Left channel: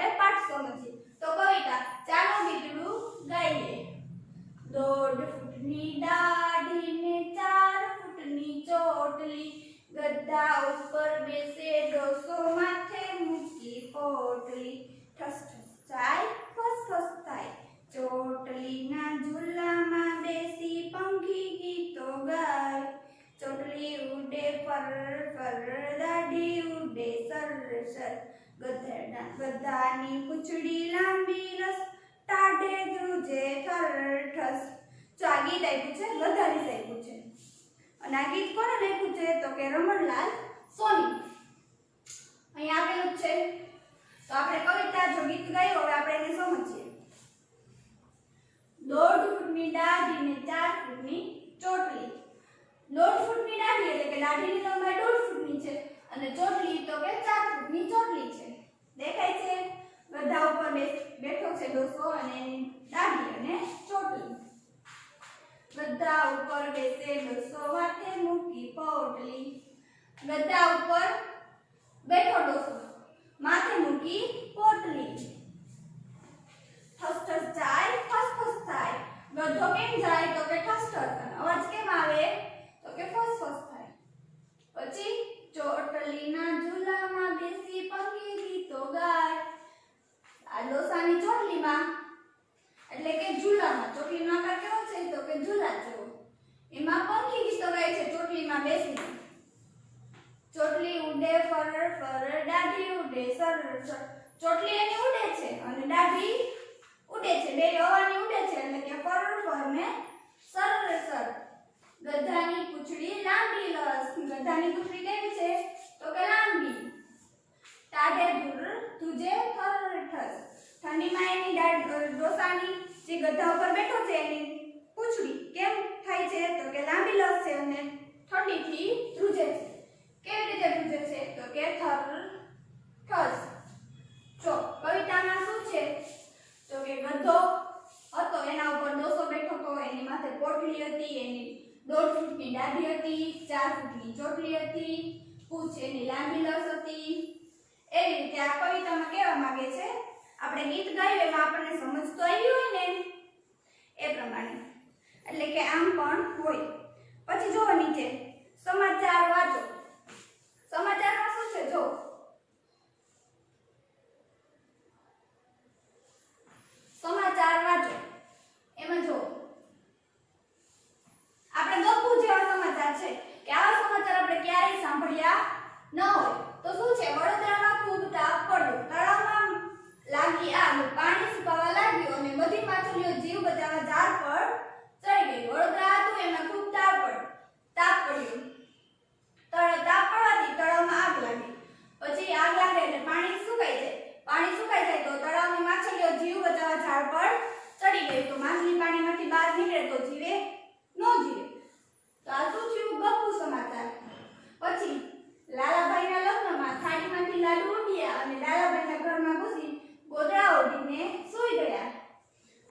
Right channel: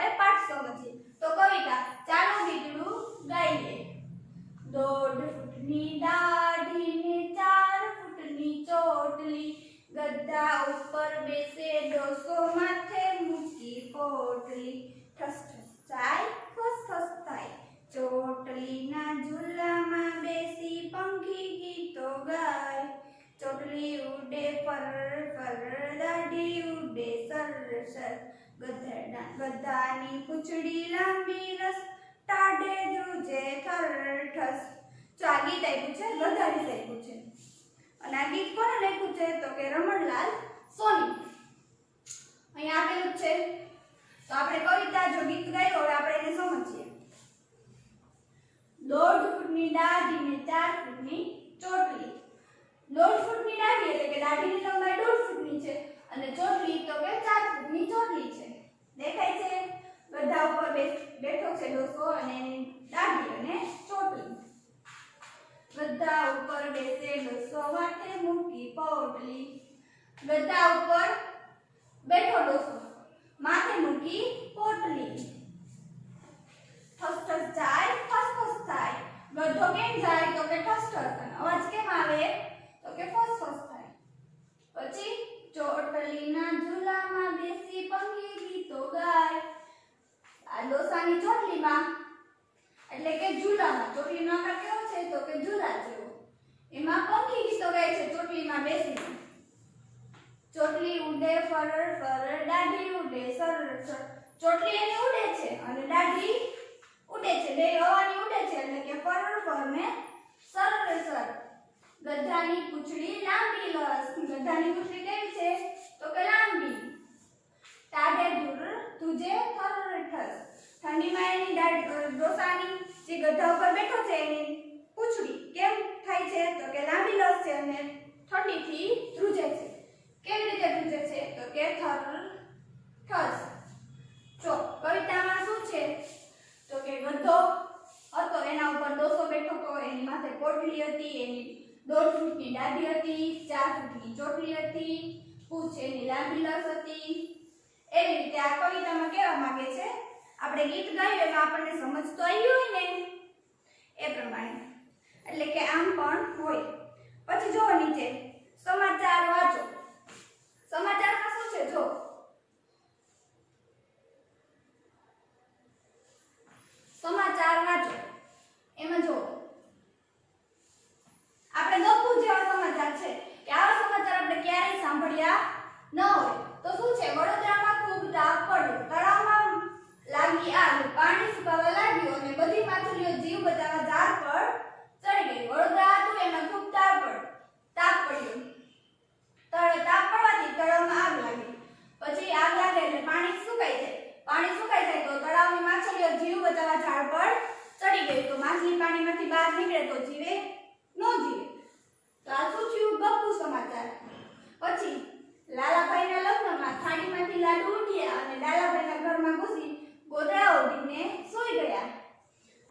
આપણે પાઠ સમજીએ તો કવિતા ચાલો ગીતડું ગાઈએ દોઢ ફૂટની દાઢી ને 4 ફૂટની ચોટલી ગદ્દા ઉપર બેસે ડોસો માથે મૂકી પોટલી ઠસ ઠસ જાય ફસ ફસ થાય ચોટલીના ઝૂલામાં બેસી પંખી ગીતો ગાય ચોટલી ઉડે પર પર દાઢી ઉડે સર સર ગધાની પૂંછડી લાંબી રસ ટાઢે ધ્રુજે થર ઠસ જો આ ગીત આપ્યું છે ગધાની આપ્યું છે અને આ ગીત કોને લખ્યું છે તો કે રમણલાલ સોની અહીં આપેલું છે તો આપણે કવિતા જો ગીત ગાયું હવે આપણે એને સમજીએ દોઢ ફૂટની દાઢી ને 4 ફૂટની ચોટલી દોઢ ફૂટની દાઢી એટલે કે દાઢીની લંબાઈ 1.5 ફૂટની છે અને ચોટલી તો કે 4 ફૂટની ચોટલી છે દેખાય છે ગધા ઉપર બેઠો છે ડોસો અને દાઢી અને ચોટલી ગધા ઉપર બેસે ડોસો માથે મૂકી પોટલી ગધા ઉપર બેઠો ડોસો માથે મૂકી પોટલી ઠસ ઠસ જાય ફસ ફસ થાય ગધો કેમ જાય તો કે ઠસ ઠસ અને અવાજ કેમ આવે તો કે ફસ ફસ થાય પછી ચોટલીના ઝૂલામાં બેસી પંખી ગીતો ગાય આ ડોસાની ચોટલીમાં એટલે કે ઝૂલામાં ચોટલીનો આકાર કેવો છે તો કે ઝૂલા જેવો એમાં પંખી ગીતો ગાય છે ચોટલીમાં બેસીને ચોટલી ઉડે ફર ફર દાઢી ઉડે સર સર ચોટલી એની ઉડે છે અને દાઢી ઉડે છે બે હવાની ઉડે છે એટલે કે ફર ફર ને સર સર ગધાની પૂંછડી લાંબી લસ ગધાની પૂંછડી કેવી છે તો કે લાંબી ટાઢે ધુર તુજે થર ઠસ ઠંડીમાં એની ડોસાની જે ગધા ઉપર બેઠો છે એની પૂંછડી કેમ થાય છે તો કે લાંબી લસ છે અને ઠંડીથી ધ્રુજે છે કેવી રીતે ધ્રુજે છે તો કે થર ઠસ જો કવિતામાં શું છે તો કે ગધો હતો એના ઉપર ડોસો બેઠો હતો એની માથે પોટલી હતી એની 1.5 ફૂટની દાઢી હતી 4 ફૂટની ચોટલી હતી પૂંછ એની લાંબી લસ હતી એવી રીતે આ કવિતામાં કહેવા માંગે છે આપણે ગીત ગાયું એમાં આપણને સમજ તો આવી હોય ને એ પ્રમાણે એટલે કે આમ પણ હોય પછી જો નીચે સમાચાર વાંચો સમાચારમાં શું છે જો સમાચાર વાંચો એમાં જો આપણે ગપુ જેવા સમાચાર છે કે આવા સમાચાર આપણે ક્યારેય સાંભળ્યા ન હોય તો શું છે વડોદરામાં ખૂબ તાપ પડ્યો તળાવમાં લાગી આગ પાણી સુકાવા લાગ્યું અને બધી માછલીઓ જીવ બચાવવા ઝાડ પર ચડી ગઈ વડોદરા હતું એમાં ખૂબ તાપ પડ્યો તાપ પડવાથી તળાવમાં આગ લાગી પછી આગ લાગે એટલે પાણી સુકાઈ જાય તો તળાવની માછલીઓ જીવ બચાવવા ઝાડ પર ચડી ગઈ તો માછલી પાણીમાંથી બહાર નીકળે તો જીવે ન જીવે તો આ શું થયું ગપ્પુ સમાચાર પછી લાલાભાઈના લગ્નમાં થાળીમાંથી લાડુ ઉડ્યા અને લાલાભાઈના ઘરમાં ઘૂસી ગોદડા ઓઢીને સૂઈ ગયા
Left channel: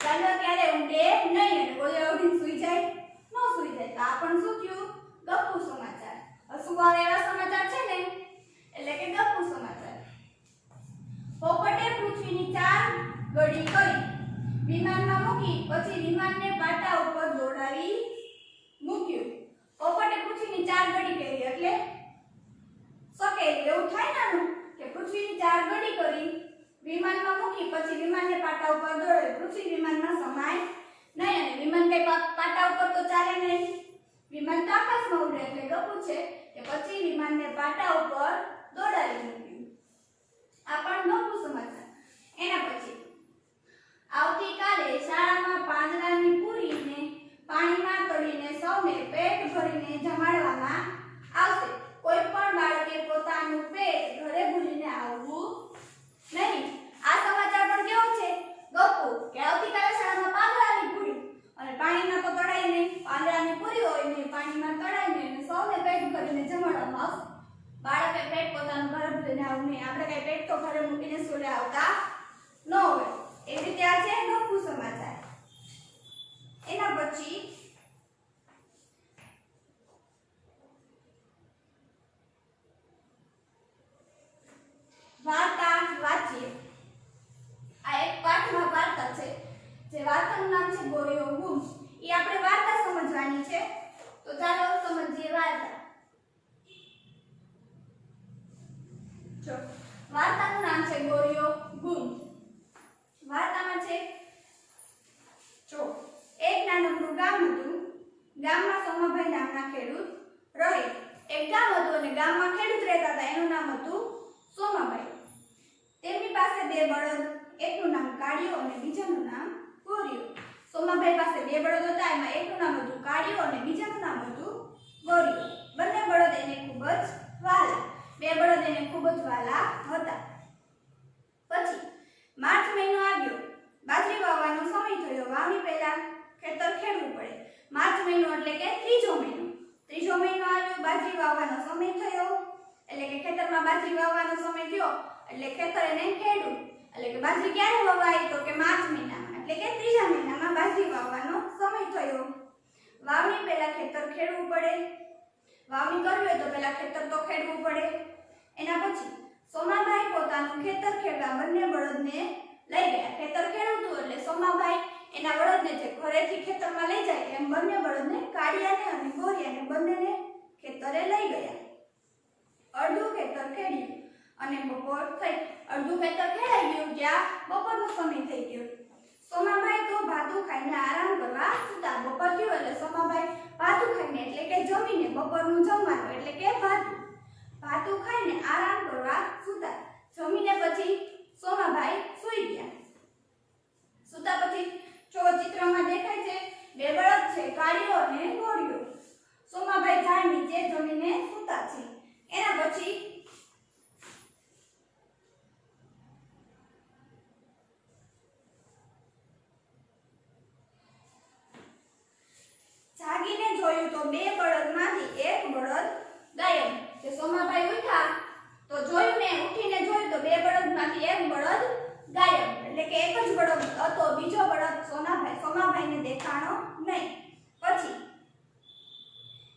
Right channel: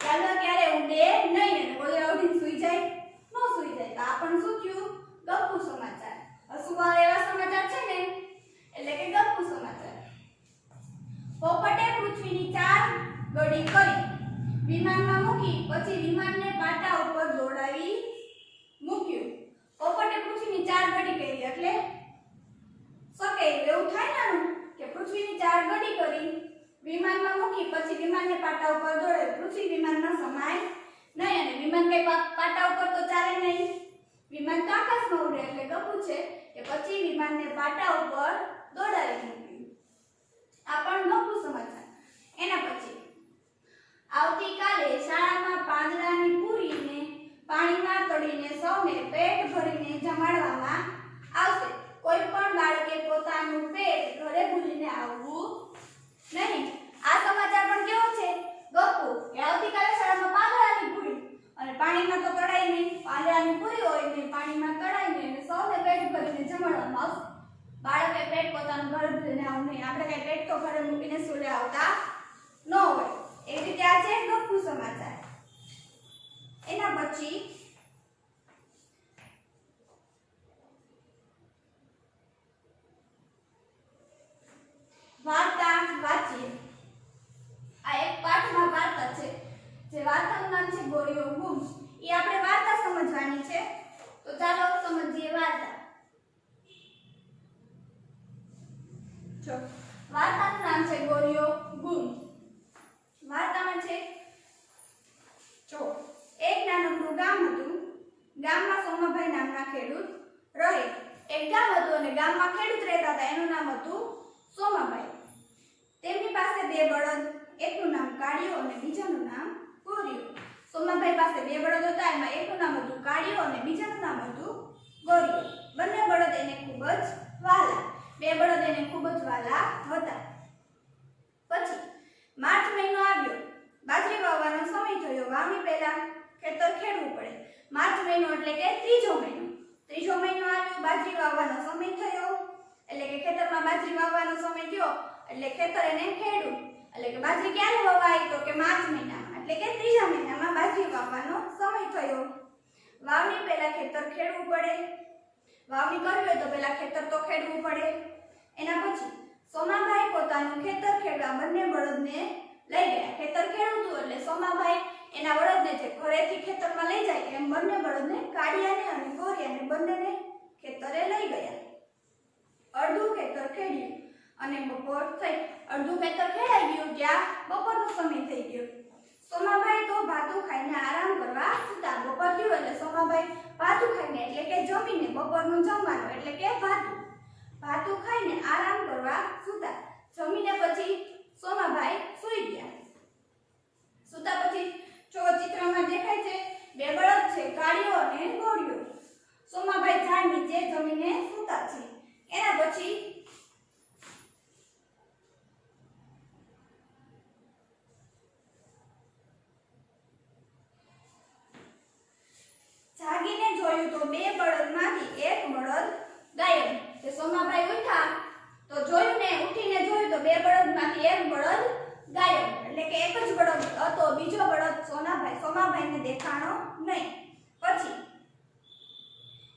લાડવા ક્યારે ઉડે નહીં અને ગોદડા ઓઢીને સૂઈ જાય ન સૂઈ જાય તો આ પણ શું થયું ગપ્પુ સમાચાર હસુવા એવા સમાચાર છે ને એટલે કે ગપ્પુ સમાચાર પોપટે પૃથ્વીની 4 ગડી કરી વિમાનમાં મૂકી પછી વિમાનને પાટા ઉપર દોડાવી મૂક્યું પોપટે પૃથ્વીની 4 ગડી કરી એટલે સકે એવું થાય ને કે પૃથ્વીની 4 ગડી કરી વિમાનમાં મૂકી પછી વિમાનને પાટા ઉપર દોડાવી પૃથ્વી વિમાનમાં સમાય નહીં અને વિમાન કઈ પાટા ઉપર તો ચાલે નહીં વિમાન તો આકાશમાં ઉડે એટલે ગપુ છે કે પછી વિમાનને પાટા ઉપર દોડાવી મૂક્યું આ પણ ગપુ સમાચાર એના પછી આવતીકાલે શાળામાં પાંદડાની પૂરીને પાણીમાં તળીને સૌને પેટ ભરીને જમાડવામાં આવશે કોઈ પણ બાળકે પોતાનું પેટ ઘરે ભૂલીને આવવું નહીં આ સમાચાર પણ કેવો છે ગપુ કે આવતીકાલે શાળામાં પાંદડાની પૂરી અને પાણીમાં તો તળાય નહીં પાંદડાની પૂરી હોય ને પાણીમાં તળાય નહીં અને સૌને પેટ ભરીને જમાડવામાં આવશે બાળકે પેટ પોતાનું ઘરે ભૂલીને આવવું નહીં આપણે કઈ પેટ તો ઘરે મૂકીને સ્કૂલે આવતા ન હોય એવી રીતે આ છે ગપુ સમાચાર એના પછી વાર્તા વાંચીએ જો વાર્તાનું નામ છે ગોરીઓ ગુમ. વાર્તામાં છે જો એક નાનકડું ગામ હતું. ગામમાં સોમાભાઈ નામના ખેડૂત રહે. એક ગામ હતું અને ગામમાં ખેડૂત રહેતા હતા. એનું નામ હતું સોમાભાઈ. તેમની પાસે બે બળદ, એકનું નામ કાળિયો અને બીજાનું નામ ગોરિયો. સોમાભાઈ પાસે બે બળદ હતા. એમાં એકનું નામ હતું કાળિયો અને બીજાનું નામ હતું ગોરિયો. બંને બળદ એને ખૂબ જ વહાલા. બે બળદ એને ખૂબ જ વહાલા હતા. પછી માર્ચ મહિનો આવ્યો. બાજરી વાવવાનો સમય થયો. વાવણી પહેલા ખેતર ખેડવું પડે. માર્ચ મહિનો એટલે કે ત્રીજો મહિનો. ત્રીજો મહિનો આવ્યો, બાજરી વાવવાનો સમય થયો. એટલે કે ખેતરમાં બાજરી વાવવાનો સમય થયો એટલે ખેતર એને ખેડવું. એટલે કે બાજરી ક્યારે વવાય તો કે માર્ચ મહિનામાં, એટલે કે ત્રીજા મહિનામાં બાજરી વાવવાનો સમય થયો. વાવણી પહેલા ખેતર ખેડવું પડે. વાવણી કરવી હોય તો પહેલા ખેતર તો ખેડવું પડે. એના પછી સોમાભાઈ પોતાનું ખેતર ખેડવા બંને બળદને લઈ ગયા. ખેતર ખેડવું એટલે સોમાભાઈ એના બળદને જે ઘરેથી ખેતરમાં લઈ જાય એમ બંને બળદને કાળિયાને અને ગોરિયાને બંનેને ખેતરે લઈ ગયા. અડધું ખેતર ખેડ્યું અને બપોર થઈ. અડધું ખેતર ખેડાઈ ગયું ત્યાં બપોરનો સમય થઈ ગયો. સોમાભાઈ તો ભાતું ખાઈને આરામ કરવા સૂતા. બપોર થયું એટલે સોમાભાઈ ભાતું ખાઈને એટલે કે જમીને બપોરનું જમવાનું એટલે કે ભાતું ખાઈને આરામ કરવા સૂતા. જમીને પછી સોમાભાઈ સૂઈ ગયા. સૂતા પછી જો ચિત્રમાં દેખાય છે બે બળદ છે, કાળિયો અને ગોરિયો. સોમાભાઈ ઝાડ નીચે જમીને સૂતા છે. એના પછી જાગીને જોયું તો બે બળદમાંથી એક બળદ ગાયબ. કે સોમાભાઈ ઉઠ્યા તો જોયું ને, ઉઠીને જોયું તો બે બળદમાંથી એક બળદ ગાયબ. એટલે કે એક જ બળદ હતો, બીજો બળદ સોમાભાઈને દેખાણો નહીં. પછી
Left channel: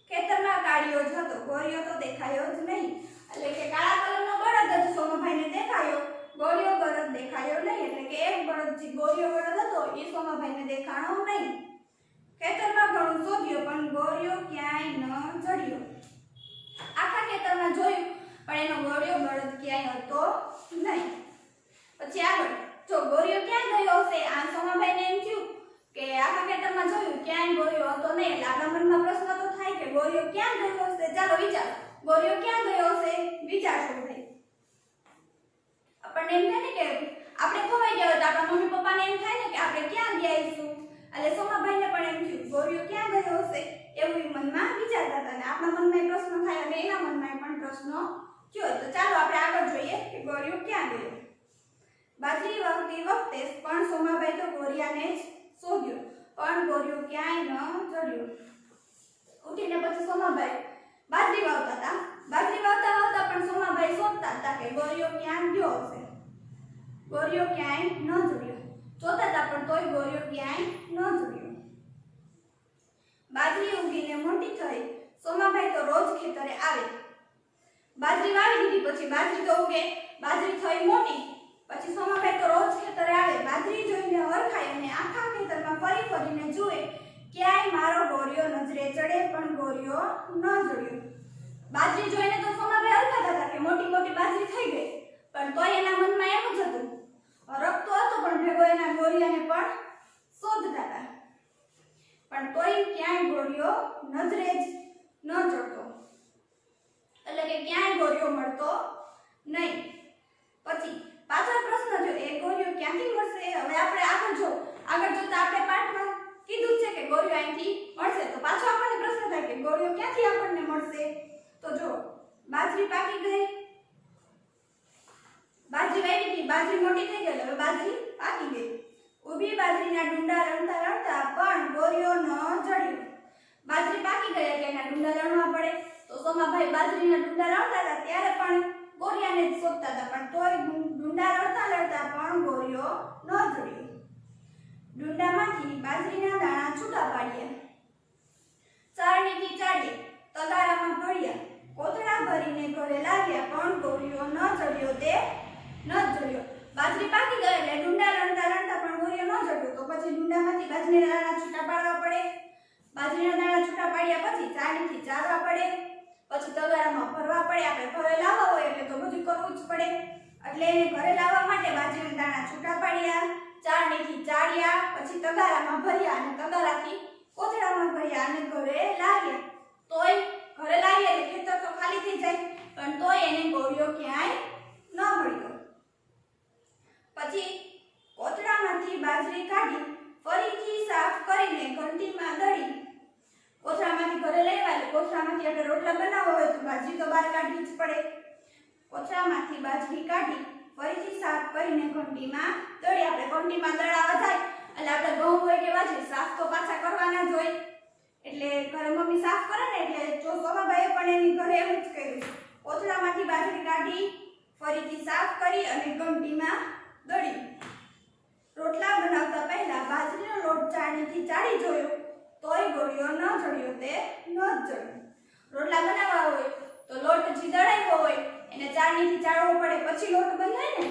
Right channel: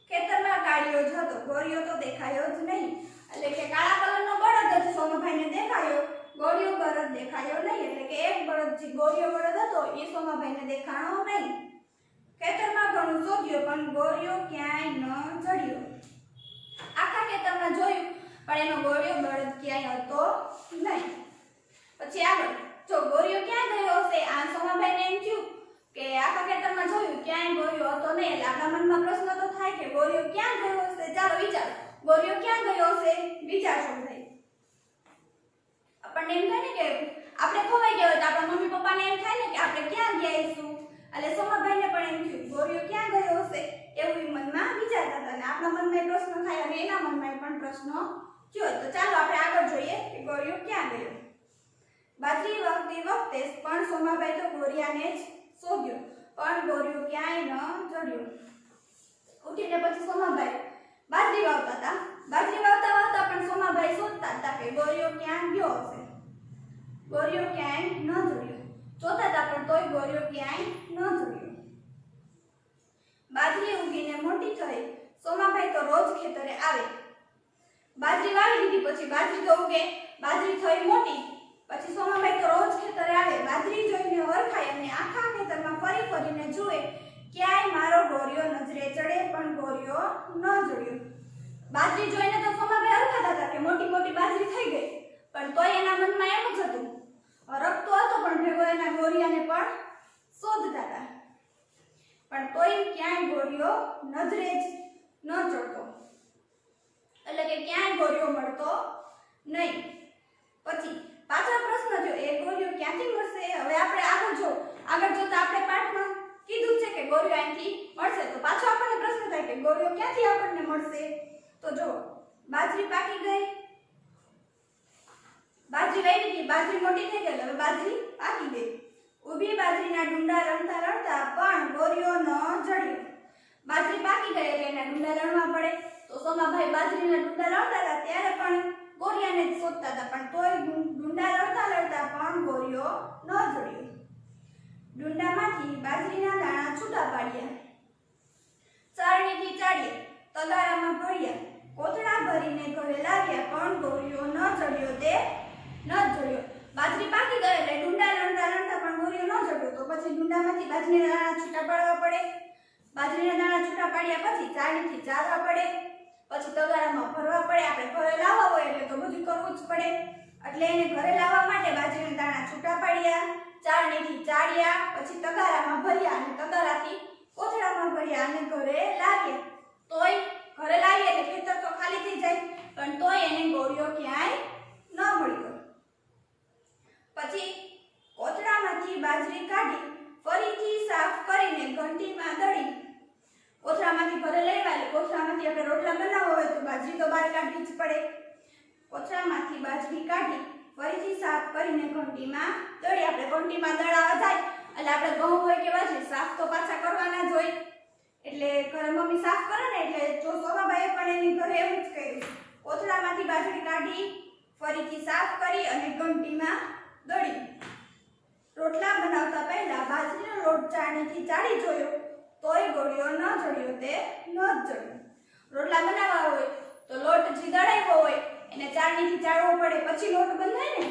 ખેતરમાં કાળિયો જ હતો, ગોરિયો તો દેખાયો જ નહીં. એટલે કે કાળા કલરનો બળદ જ સોમાભાઈને દેખાયો, ગોરિયો બળદ દેખાયો નહીં. એટલે કે એક બળદ જે ગોરિયો બળદ હતો એ સોમાભાઈને દેખાણો નહીં. ખેતરમાં ઘણું શોધ્યું પણ ગોરિયો ક્યાંય ન જડ્યો. આખા ખેતરમાં જોયું પણ એનો ગોરિયો બળદ ક્યાંય હતો નહીં. પછી આગળ જો ગોરિયો ક્યાં ગયો હશે, આ સોમાભાઈને એમ થયું કે આખા ખેતરમાં જોયું ક્યાંય ગોરિયો હતો નહીં. એટલે આપણા મનમાં પ્રશ્ન તો થાય કે ગોરિયો ક્યાં ગયો હશે. ચાલો વિચારો, ગોરિયો ક્યાં ગયો હશે, વિચારશો ભાઈ. આપણને એમ થાય ને કે આપણે ખોવાઈ ગયા હોય તો આપણા મમ્મી પપ્પાને એમ થાય ને કે આપણે ક્યાં ગયા હશું. એટલે સોમાભાઈને પણ એમ થયું ગોરિયો ક્યાં ગયો હશે એવું મનમાં વિચારતા હતા. અને આપણા મનમાં પ્રશ્ન થાય અને એના મનમાં પણ પ્રશ્ન થયો. તો ચાલો આપણે આગળ જોઈએ કે ગોરિયો ક્યાં ગયો. બાજરી વાવતી વખતે પણ સોમાભાઈ તો ગોરિયાને જ શોધ્યો પણ ગોરિયો ક્યાંય ન જડ્યો. ઉઠીને પછી સોમાભાઈ બાજરી વાવતા હતા. બાજરી વાવતા પણ સોમાભાઈ શોધતા હતા કે ગોરિયો ક્યાં ગયો હશે. ગોરિયો ક્યાંય ન જડ્યો. જોતા હતા પણ તોય ગોરિયો ક્યાંય ન જડ્યો. બાજરી ઉગીને મોટી થઈ. સોમાભાઈ તો રોજ ખેતરે આવે. બાજરી વાવી દીધી પછી બાજરી તો ઉગે, બાજરી થઈ મોટી. પછી સોમાભાઈ તો રોજ ખેતરે આવે. બાજરી જોઈને ઓળખાય અને આખા ખેતરમાં ફરી ફરીને જુએ ક્યાંય મારો ગોરિયો નજરે ચડે પણ ગોરિયો ન જડ્યો. બાજરી જોઈને તો સોમાભાઈ ઓળખાતા હતા કે મોટી મોટી બાજરી થઈ ગઈ, પણ તોય એના મનમાં એમ જ હતું, રખતો હતો પણ ભેગો એના ગોરિયાને પણ શોધતા હતા. પણ તોય ક્યાંય ગોરિયો નજરે જ ન ચડતો. એટલે કે ક્યાંય ગોરિયો મળતો નહીં. પછી પાછળ પ્રશ્ન જો એ ગોરિયો ક્યાંથી મળશે. હવે આપણે આગળ જોતા આપણે પાઠમાં કીધું છે કે ગોરિયો અહીંથી મળશે. તો પાછો આપણને પ્રશ્ન થાય કે ગોરિયો ક્યાંથી આપણને મળશે. તો જો બાજરી પાકી ગઈ, બાજરી વાવી હતી, બાજરી મોટી થઈ ગઈ, હવે બાજરી પાકી ગઈ. ઊભી બાજરીના ડુંડા રણતા રણતા પણ ગોરિયો ન જડ્યો. બાજરી પાકી ગઈ એટલે એના ડુંડા રણવા પડે. તો સોમાભાઈ બાજરીના ડુંડા રણતા હતા ત્યારે પણ ગોરિયાને જ શોધતા હતા, પણ તોય ડુંડા રણતા પણ ગોરિયો ન જડ્યો. ડુંડામાંથી બાજરીના દાણા છૂટા પાડ્યા, ચારણીથી ચાળ્યા, તગારામાં ભર્યા, કોથળા ભરીને ઘરે લાવ્યા પણ ગોરિયો ન જડ્યો. તે ન જડ્યો. બાજરી પાકી ગઈ એટલે ડુંડા રણતા પણ ગોરિયો ન જડ્યો. તો પછી ડુંડામાંથી બાજરીના દાણા છૂટા પાડવા પડે. બાજરીના દાણા છૂટા પાડ્યા પછી ચાળણીથી ચાળવા પડે, પછી તગારામાં ભરવા પડે. આપણે ઘરે લાવવા હોય એટલે તો બધું કરવું જ પડે. પડે, એટલે એને ઘરે લાવવા માટે બાજરીના દાણા છૂટા પાડ્યા, ચાળણીથી ચાળ્યા, પછી તગારામાં ભર્યા અને તગારાથી કોથળામાં ભર્યા અને ઘરે લાવ્યા. તોય ઘરે લાવીએ એટલે ખેતર તો ખાલી થઈ જાય, પણ તોય એને ગોળીઓ ક્યાંય ન મળ્યો. પછી કોથળામાંથી બાજરી કાઢી ફરીથી સાફ કરીને ઘંટીમાં દળી. કોથળામાંથી ઘરે લઈ આવ્યા, કોથળામાંથી આપણે રોટલા બનાવવા હોય તો બાજરી તો બહાર કાઢવી જ પડે. કોથળામાંથી બાજરી કાઢી ફરીથી સાફ કરીને ઘંટીમાં દળી. આપણે ઘંટીમાં દળાવા જાય એટલે આપણે ઘઉં હોય કે બાજરી સાફ તો પાછા કરવાના જ હોય, એટલે ઘરે મમ્મી સાફ કરે ને એટલે જો સોમાભાઈએ પણ એની ઘરે એવું જ કર્યું. કોથળામાંથી બાજરી કાઢી ફરીથી સાફ કરી અને ઘંટીમાં દળી. રોટલા બનાવતા પહેલા બાજરીનો લોટ ચાળણીથી ચાળી જોયો, તોય ગોળીઓ ન જડ્યો, તે ન જ જડ્યો. રોટલા બનાવવા હોય તો લોટ જે દળાવ્યો હોય એને ચાળણીથી ચાળવો પડે, પછી લોટ બંધાય ને.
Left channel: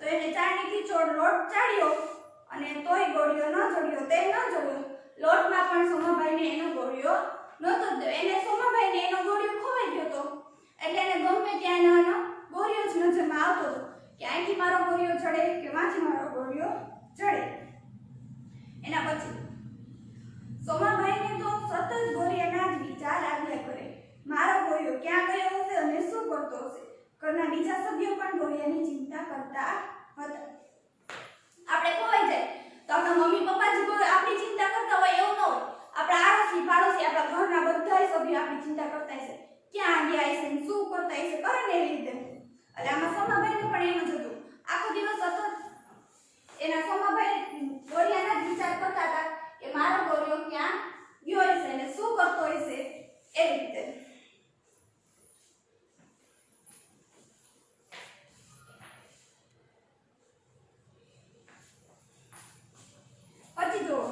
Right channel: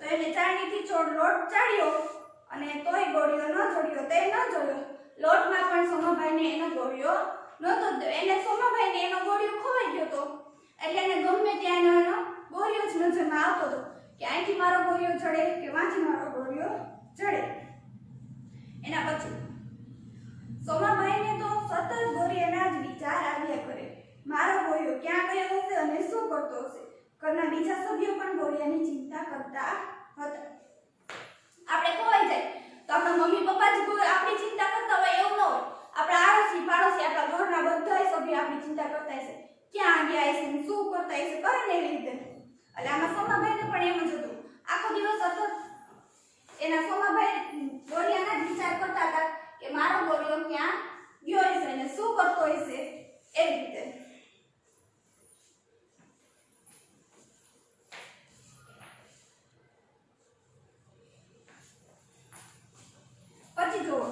તો એને ચાળણીથી લોટ ચાળ્યો અને તોય ગોળીઓ ન જડ્યો, તે ન જડ્યો. લોટમાં પણ સોમાભાઈને એનો ગોળીઓ નહોતો જ. એને સોમાભાઈને એનો ગોળીઓ ખોવાઈ ગયો હતો, એટલે એને ગમે ત્યાં એનો ગોળીઓ જ નજરમાં આવતો હતો કે અહીંથી મારો ગોળીઓ ચડે કે વાંથી મારો ગોળીઓ ચડે. એના પછી સોમાભાઈને તો સતત ગોળીઓના જ વિચાર આવ્યા કરે. મારો ગોળીઓ ક્યાં ગયો હશે અને શું કરતો હશે. ઘરના બીજા સભ્યો પણ ગોળીઓની ચિંતા કરતા હતા. આપણે ખોવાઈ જાય તો આપણા મમ્મી પપ્પા જ આપણી ચિંતા કરતા હોય એવું ન હોય. આપણા આડોશી પાડોશી આપણા ઘરના બધા સભ્યો આપણી ચિંતા કરતા હશે, ક્યાં ગયા હશે, શું કરતા હશે, કરે ને એવી રીતે. એટલે આમાં સોમાભાઈને પણ એમ જ હતું. આખો દિવસ સતત એના સોમાભાઈ ગોળિયાના જ વિચાર કરતા હતા કે મારો ગોળિયો ક્યાં ગયો હશે અને શું કરતો હશે, એવી રીતે. પછી જુઓ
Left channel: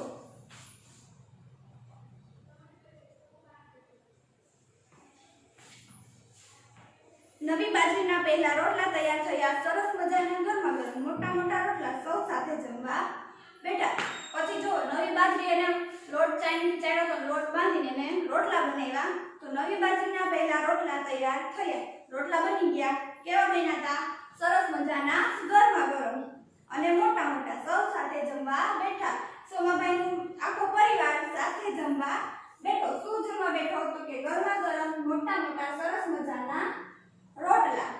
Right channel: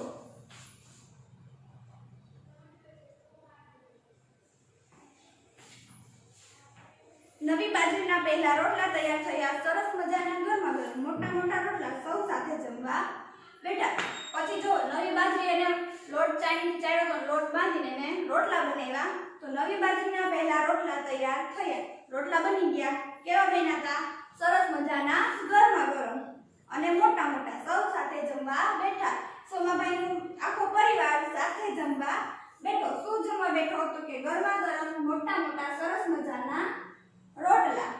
નવી બાજરીના પહેલા રોટલા તૈયાર થયા. સરસ મજાના ગરમા ગરમ મોટા મોટા રોટલા સૌ સાથે જમવા બેઠા. પછી જો નવી બાજરી એને લોટ ચાળ્યો તો લોટ બાંધીને એને રોટલા બનાવ્યા. તો નવી બાજરીના પહેલા રોટલા તૈયાર થયા. રોટલા બની ગયા. કેવા બન્યા હતા? સરસ મજાના ગરમા ગરમ અને મોટા મોટા સૌ સાથે જમવા બેઠા. સોમાભાઈનું આખો પરિવાર સાથે જમવા બેઠો. શું જમવા બેઠો? તો કે ગરમા ગરમ મોટા મોટા સરસ મજાના રોટલા.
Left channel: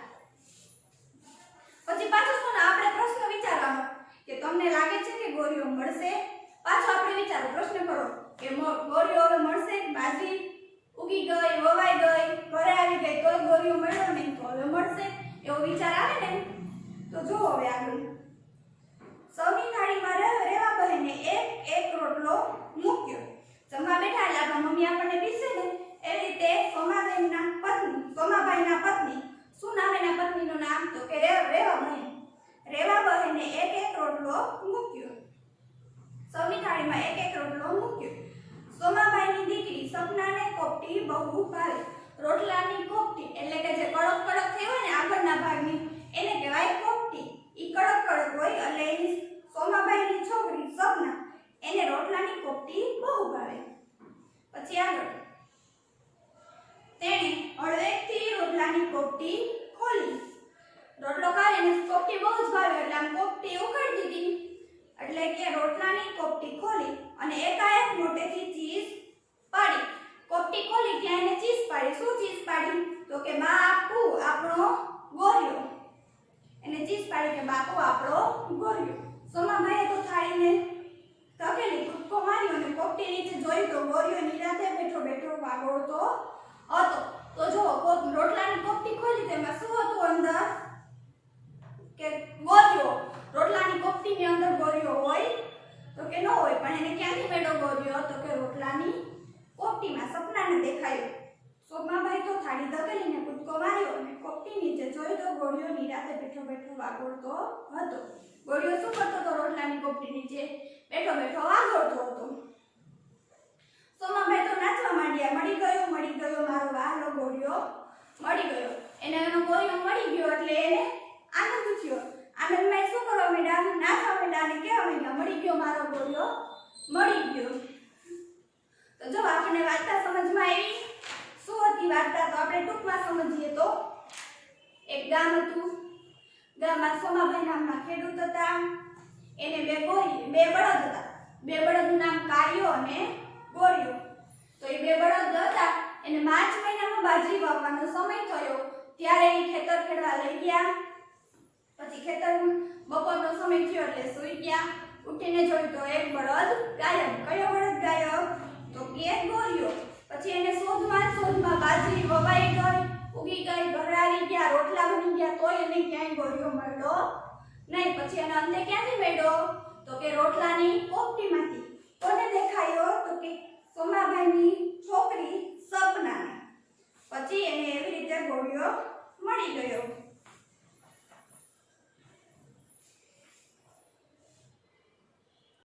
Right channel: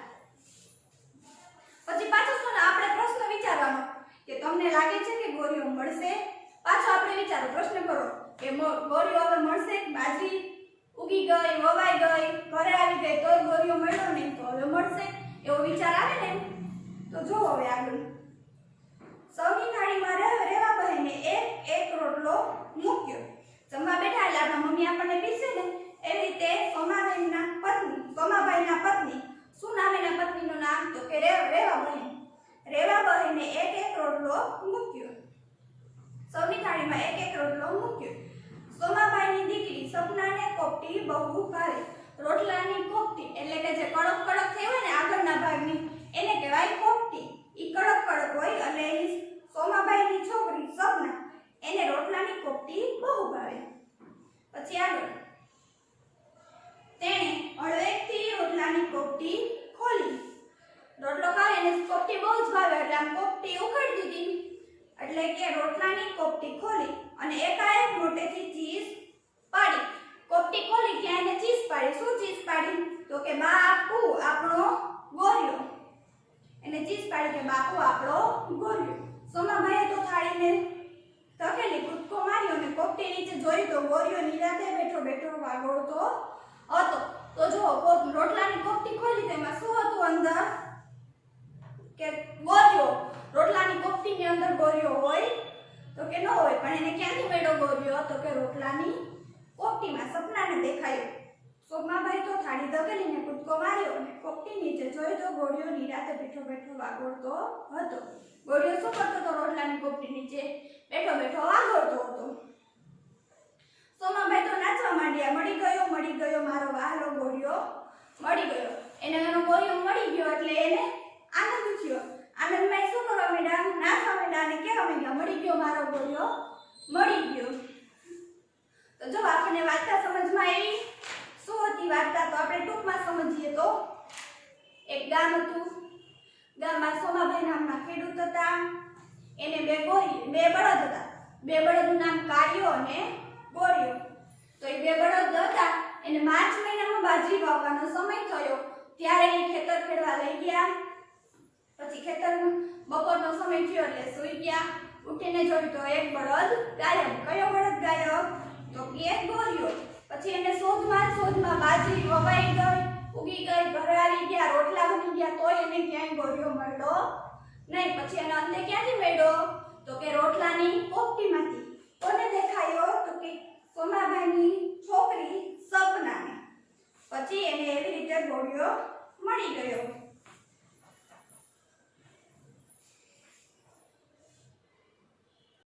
પછી પાછો શું આપણે પ્રશ્ન વિચારવાનો કે તમને લાગે છે કે ગોળીઓ મળશે? પાછો આપણે વિચારો, પ્રશ્ન કરો કે ગોળીઓ હવે મળશે? બાજરી ઉગી ગઈ, વવાઈ ગઈ, ઘરે આવી ગઈ તો ગોળીઓ મળ્યો નહીં, તો હવે મળશે એવો વિચાર આવે ને. તો જુઓ હવે આગળ. સૌની થાળીમાં રેવા બહેને એક રોટલો મૂક્યો. જમવા બેઠા એટલે આપણા મમ્મી આપણને પીરસે ને એવી રીતે સોમાભાઈના પત્ની, શું નામ એના પત્નીનું નામ? તો કે રેવા બહેન. રેવા બહેને એક રોટલો મૂક્યો. સૌની થાળીમાં એક રોટલો મૂક્યો. સોમાભાઈની દીકરી સપનાને કોપટી બહુ ભાવે. રોટલાની કોપટી એટલે કે જે કડક કડક થઈ હોય ને આગળના ભાગની એને કહેવાય કોપટી. ઈ કડક કડક હોય એટલે એની સોમાભાઈની છોકરી સપના એને રોટલાની કોપટી બહુ ભાવે. પછી આગળ તેણે હળવેકથી રોટલાની કોપટી ખોલી. રોટલો ખાય એને કોપટી બહુ જ ભાવે એટલે આમ કોપટી ઉખાડી દીધી. એટલે કે રોટલાની કોપટી ખોલી અને એકાએક મોટેથી ચીઝ પાડી. કોપટી ખોલી ત્યાં એને ચીઝ પાડી. શું ચીઝ પાડી? તો કે બાપુ આપણો ગોળિયો. એને ચીઝ પાડી કે બાપુ આપણો ગોળિયો. સોમાભાઈએ તો થાળીને ધકેલી કૂદકો માર્યો અને કોપટી નીચે જોઈ તો ગોળિયો નિરાંતે બેઠો બેઠો વાગોળતો હતો. તો જો રોટલાની કોપટી ખોલી તેમાં શું હતું અંદર? કે ગોળિયો. રોટલાની કોપટીની અંદર ગોળિયો હોય? તો કે ન હોય. પણ એને ક્યાંથી મળ્યો ગોળિયો? તો કે રોટલાની કોપટીમાં. સપનાને દેખાયું. સોમાભાઈ તો થાળી ધકેલીને કૂદકો માર્યો અને કોપટી નીચે જોઈ તો ગોળિયો નિરાંતે બેઠો બેઠો વાગોળતો હતો. ગોળિયો શું કરતો હતો? રોટલાની કોપટી નીચે બેઠો બેઠો વાગોળતો હતો. સોમાભાઈ તો નાચવા માંડ્યા. મળી ગયો મારો વહાલો ગોળિયો મળી ગયો. એને એનો ગોળિયો મળી ગયો એટલે એને આનંદ થયો. આનંદમાં શું કરવા માંડ્યા? નાચવા માંડ્યા અને કહેવા માંડ્યા મળી ગયો મારો ગોળિયો મળી ગયો. તો જો આપણને વાર્તા સમજમાં આવી. શું હતી વાર્તા? તો આપણે ટૂંકમાં સમજીએ તો એક ગામ હતું. ગામમાં સોમાભાઈ નામના ખેડૂત હતા. એને બે બળદ હતા. બે બળદનું નામ કાળિયો અને ગોરિયો. તો એ બે બળદ હતા એને માર્ચ મહિનામાં બાજરી વાવવાનો સમય થયો ત્યારે એ ખેતર ખેડવા લઈ ગયા. પછી ખેતર બપોરનો સમય થયો એટલે સૂઈ ગયા. ઉઠીને જોયું તો એક બળદ ગાયબ. કયો બળદ ગાયબ? તો કે ગોરિયો. પછી એને શોધમાં બાજરી વવાઈ ગઈ, ઉગી ગઈ, ઘરે આવી ગયા, રોટલા બની ગયા, તોય એને ક્યાંય ગોરિયો મળ્યો નહીં. પછી એનો અંતે ક્યાંથી મળ્યો? તો કે રોટલાની પોપટીમાંથી. કોને દેખાયો? તો કે સોમાભાઈની છોકરી સપનાને. પછી એને એવી રીતે ગોળિયો મળી ગયો.